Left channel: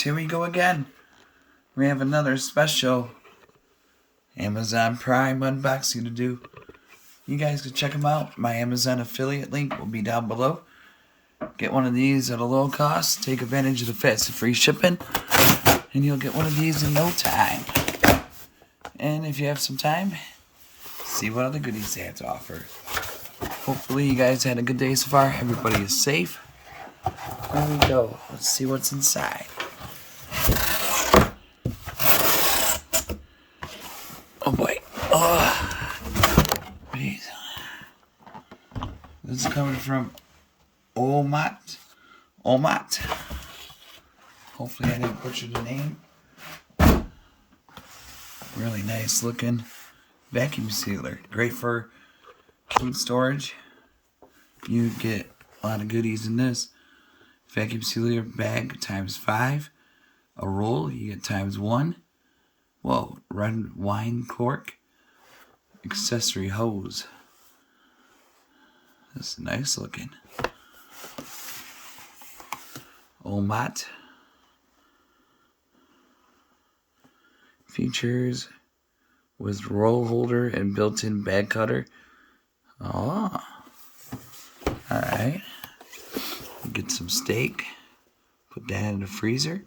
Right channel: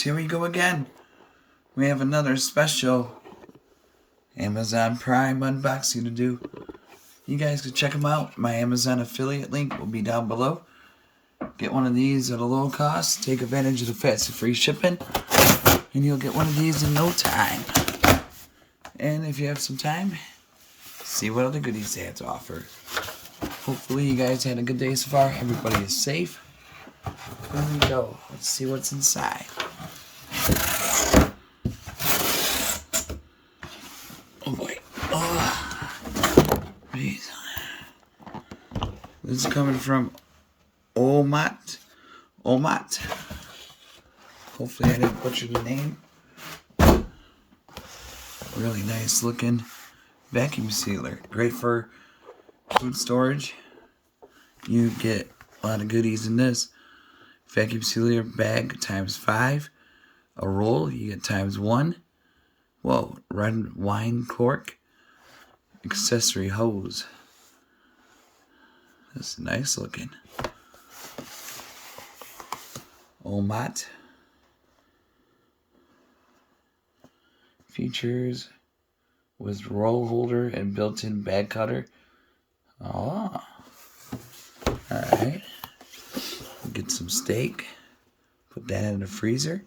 guys, here we go again. We have another special Amazon Prime unboxing to do. You guys can check them out. My Amazon affiliate link will be down below. Get one of these at a low cost. Take advantage of the fast and free shipping. And you'll get one of these in no time. And if you have some time, see what other goodies they have to offer. Hopefully you guys had a good day so far. Everybody is safe. There we go. Let's see what's inside. Oh boy. Oh. Jeez. This is coming from Omote. Hopefully I didn't butcher the name. Really nice looking vacuum sealer. Great for food storage. You get a lot of goodies in this. Vacuum sealer bag ×5. A roll, you get ×1. Whoa, red wine cork. Accessory hose. That's nice looking. Omote. Features with roll holder and built-in bag cutter. Oh. Alright. Get some steak. Put that in the freezer.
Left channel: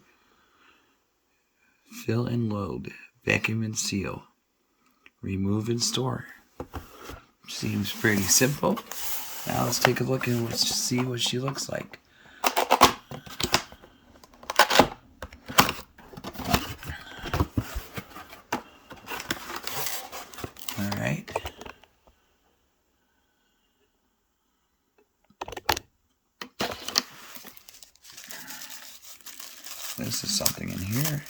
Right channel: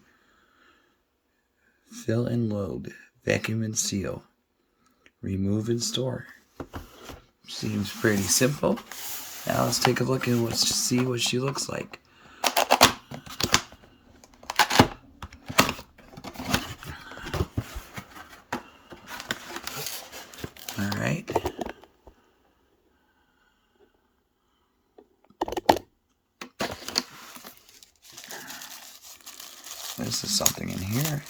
Fill and load. Vacuum and seal. Remove and store. Seems pretty simple. Now let's take a look and see what she looks like. Alright. This is something in here.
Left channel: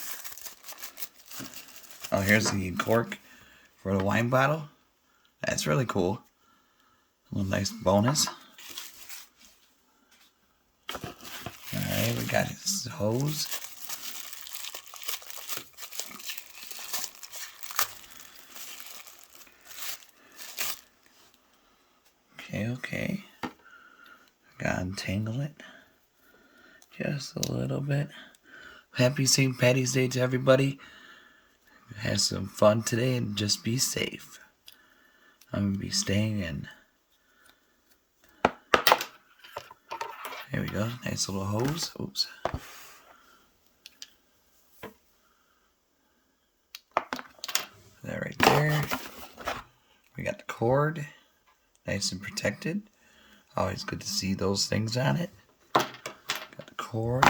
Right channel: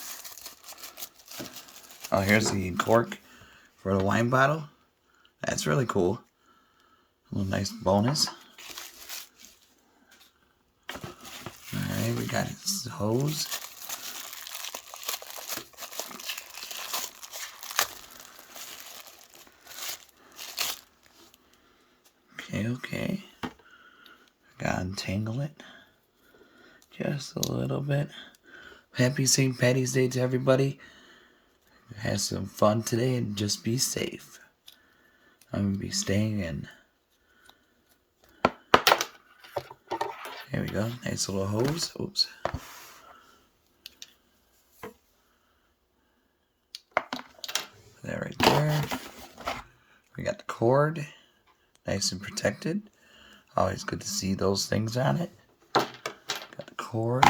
Oh, here's the cork for the wine bottle. That's really cool. A little nice bonus. Alright, we got this hose. Okay. Gotta untangle it just a little bit. Happy St. Patty's Day to everybody. Have some fun today and just be safe. I'm gonna be staying in. There we go. Nice little hose. Oops. Put that right there. We got the cord. Nice and protected. Always good to see those things on it. Got the cord.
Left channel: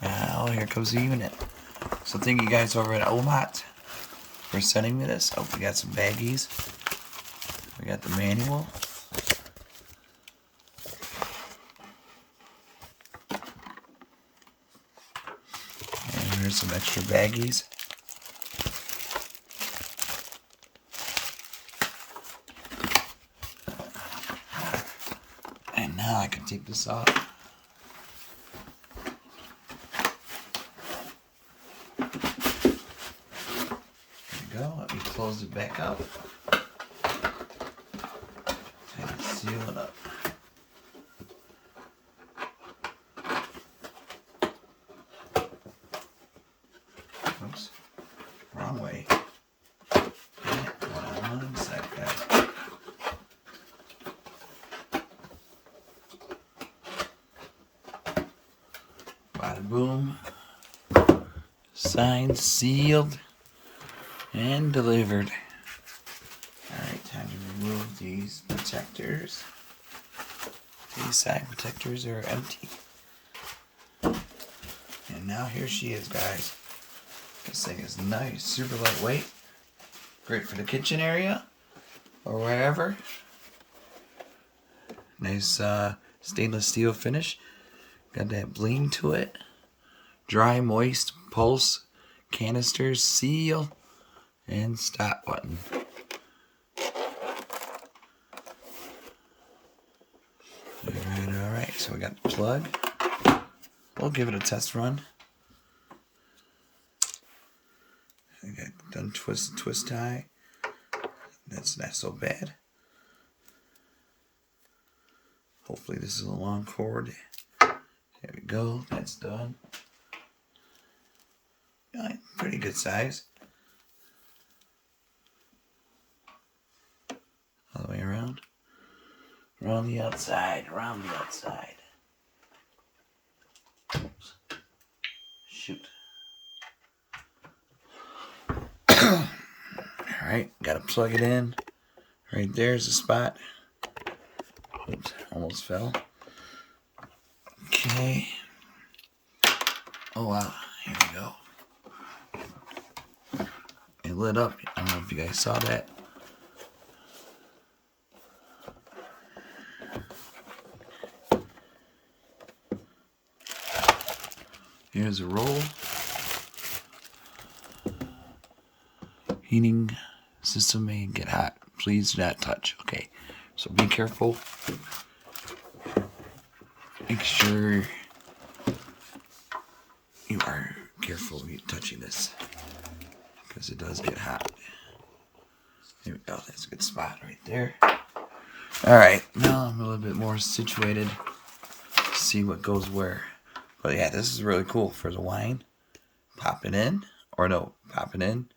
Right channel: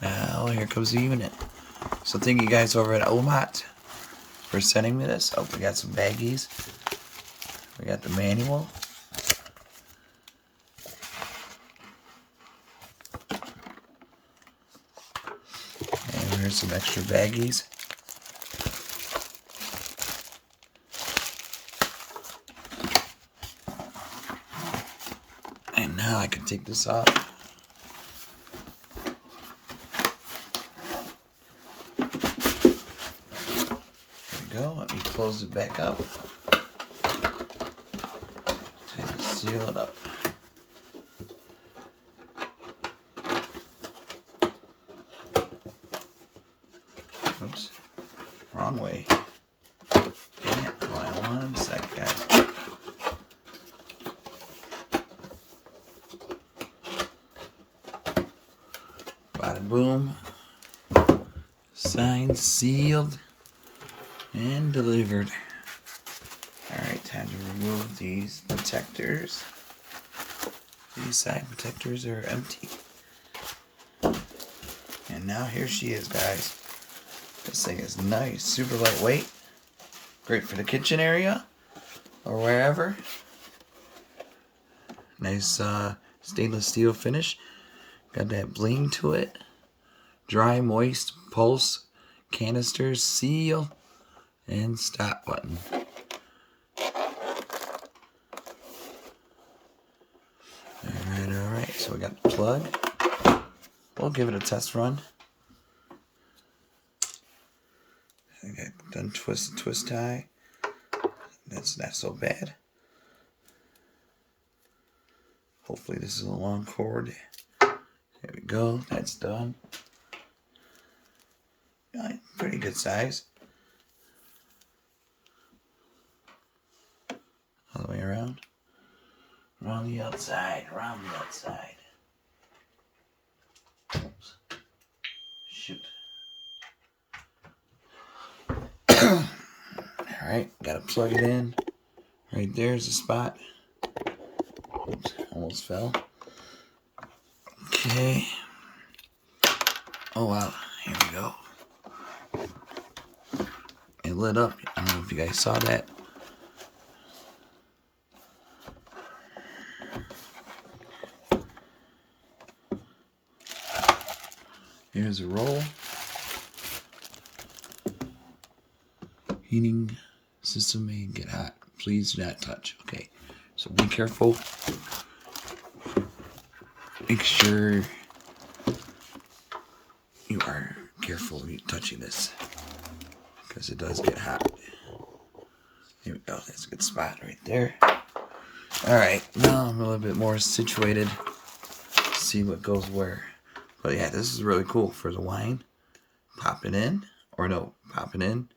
Now here comes the unit. So thank you guys over at Omote for sending me this. Oh, we got some baggies. We got the manual. And here's some extra baggies. And now I can take this off. There we go. Let me close it back up. And seal it up. Oops. Wrong way. Yeah, come on, one sec, guys. Bada boom. Signed, sealed, and delivered. Alright, time to remove these protectors. These side protectors are empty. And now here she is, guys. This thing is nice, super lightweight. Great for the kitchen area or wherever. Nice stainless steel finish. Got that bling to it. Dry, moist, pulse, canisters, seal, and stop button. Alright, so we got the plug. We'll give it a test run. I got done twist tie. That's not so bad. Hopefully this is a long cord. There we go. That's done. Pretty good size. All the way around. Around the outside. Around the outside. Oops. Shoot. Alright, gotta plug it in. Right there's the spot. Oops, almost fell. Okay. Oh wow, here we go. It lit up. I don't know if you guys saw that. Here's a roll. Heating system may get hot. Please do not touch. Okay, so be careful. Make sure you are careful when you're touching this, because it does get hot. Here we go. That's a good spot right there. Alright, now I'm a little bit more situated. See what goes where. But yeah, this is really cool for the wine. Pop it in. Or no, pop it in.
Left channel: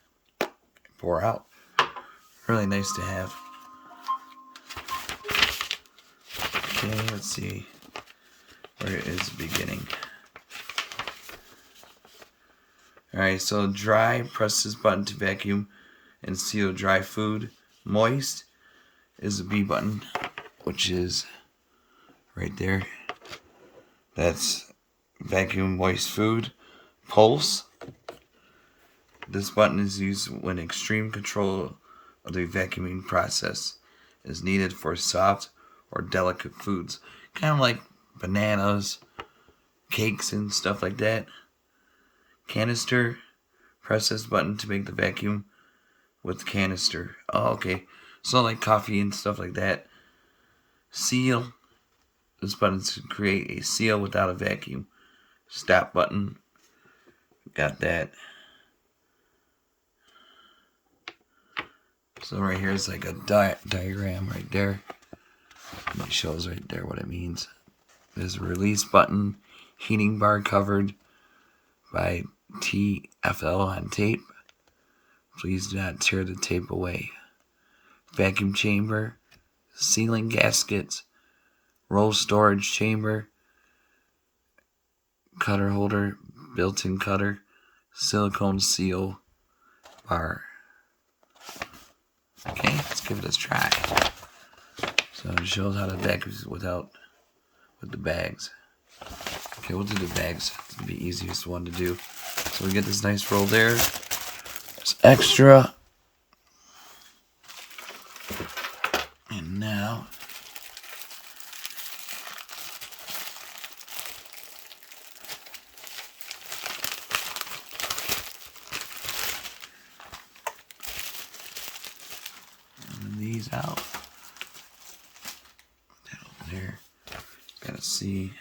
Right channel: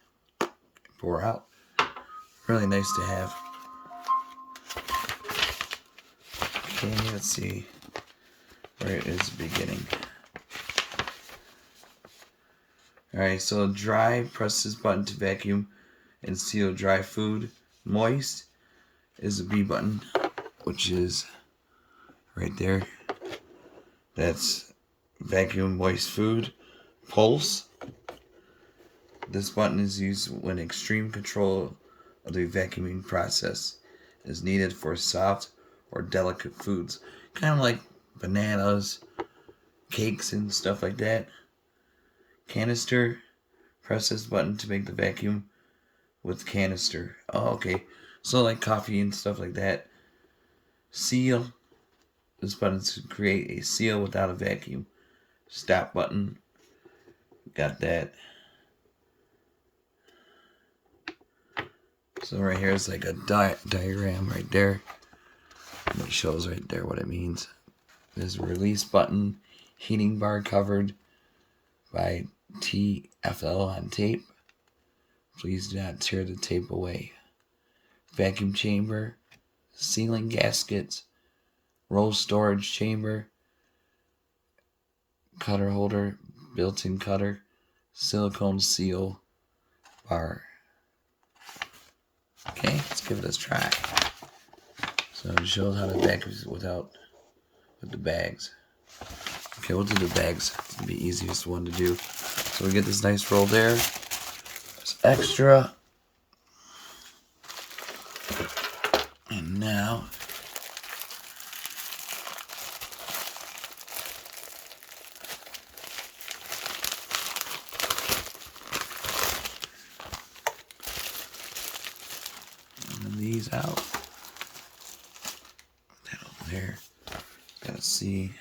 Pour out. Really nice to have. Okay, let's see where it is beginning. Alright, so dry, press this button to vacuum and seal dry food. Moist is the B button, which is right there. That's vacuum moist food. Pulse. This button is used when extreme control of the vacuuming process is needed for soft or delicate foods. Kind of like bananas, cakes, and stuff like that. Canister. Press this button to make the vacuum with canister. Oh, okay. So like coffee and stuff like that. Seal. This button is to create a seal without a vacuum. Stop button. Got that. So right here is like a diagram right there. And it shows right there what it means. There's a release button. Heating bar covered by TFL on tape. Please do not tear the tape away. Vacuum chamber. Sealing gaskets. Roll storage chamber. Cutter holder. Built-in cutter. Silicone seal bar. Okay, let's give it a try. So it shows how to vacuum with the bags. Okay, we'll do the bags. It's gonna be the easiest one to do. So we get this nice roll there. It's extra. And now these out. Put that over there. Gotta see.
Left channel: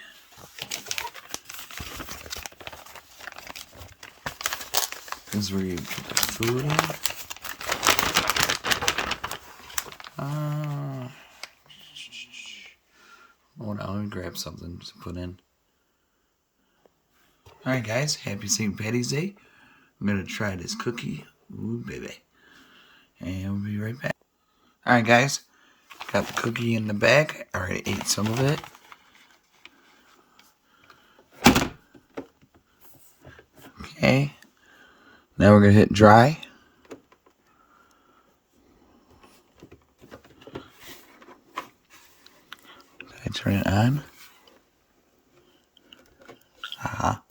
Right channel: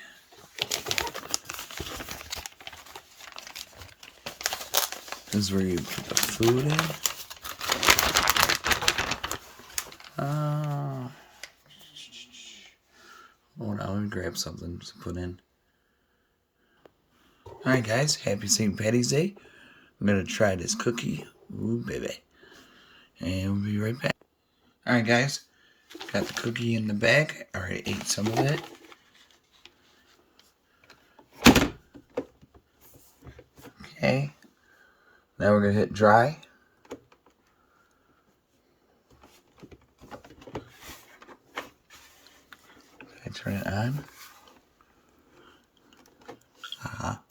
This is where you put the food in. Hold on, let me grab something to put in. Alright guys, happy St. Patty's Day. I'm gonna try this cookie. Ooh baby. And we'll be right back. Alright guys, got the cookie in the bag. I already ate some of it. Okay. Now we're gonna hit dry. I turn it on. Aha.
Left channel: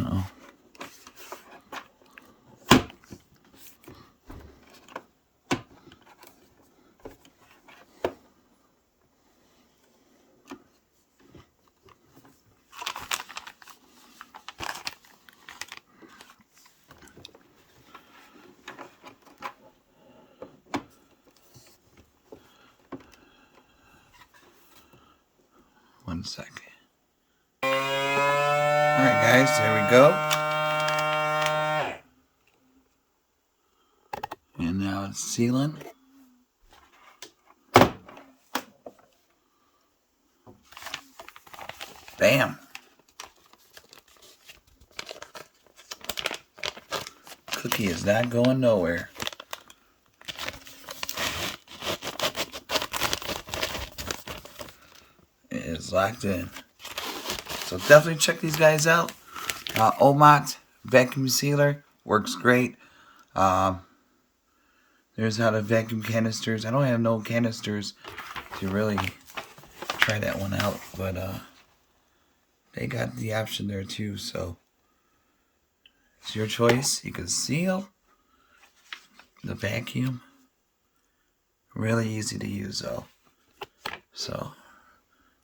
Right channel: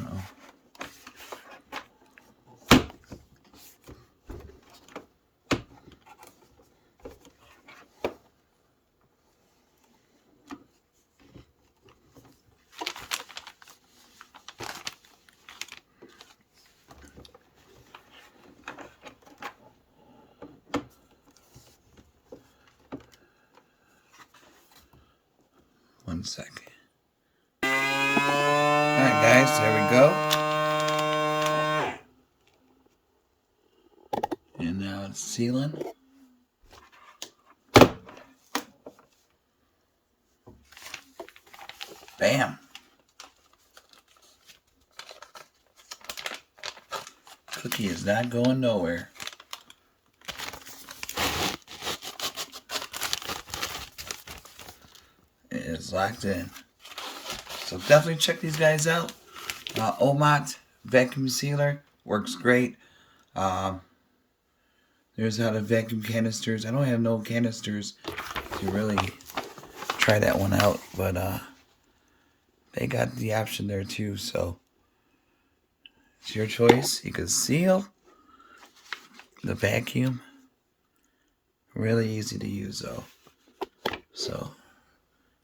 Uh-oh. One second. Alright guys, there we go. And now it's sealing. Bam. Cookie is not going nowhere. It is locked in. So definitely check these guys out. Omote vacuum sealer works great. There's how to vacuum canisters. I don't have no canisters to really try that one out, but they got the option there too, so it's your choice. You can seal the vacuum. Really easy to use though. So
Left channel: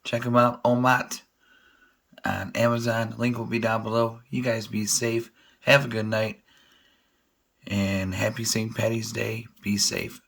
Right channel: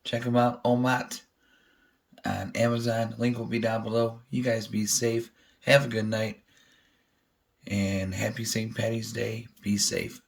check them out, Omote, on Amazon. Link will be down below. You guys be safe. Have a good night. And happy St. Patty's Day. Be safe.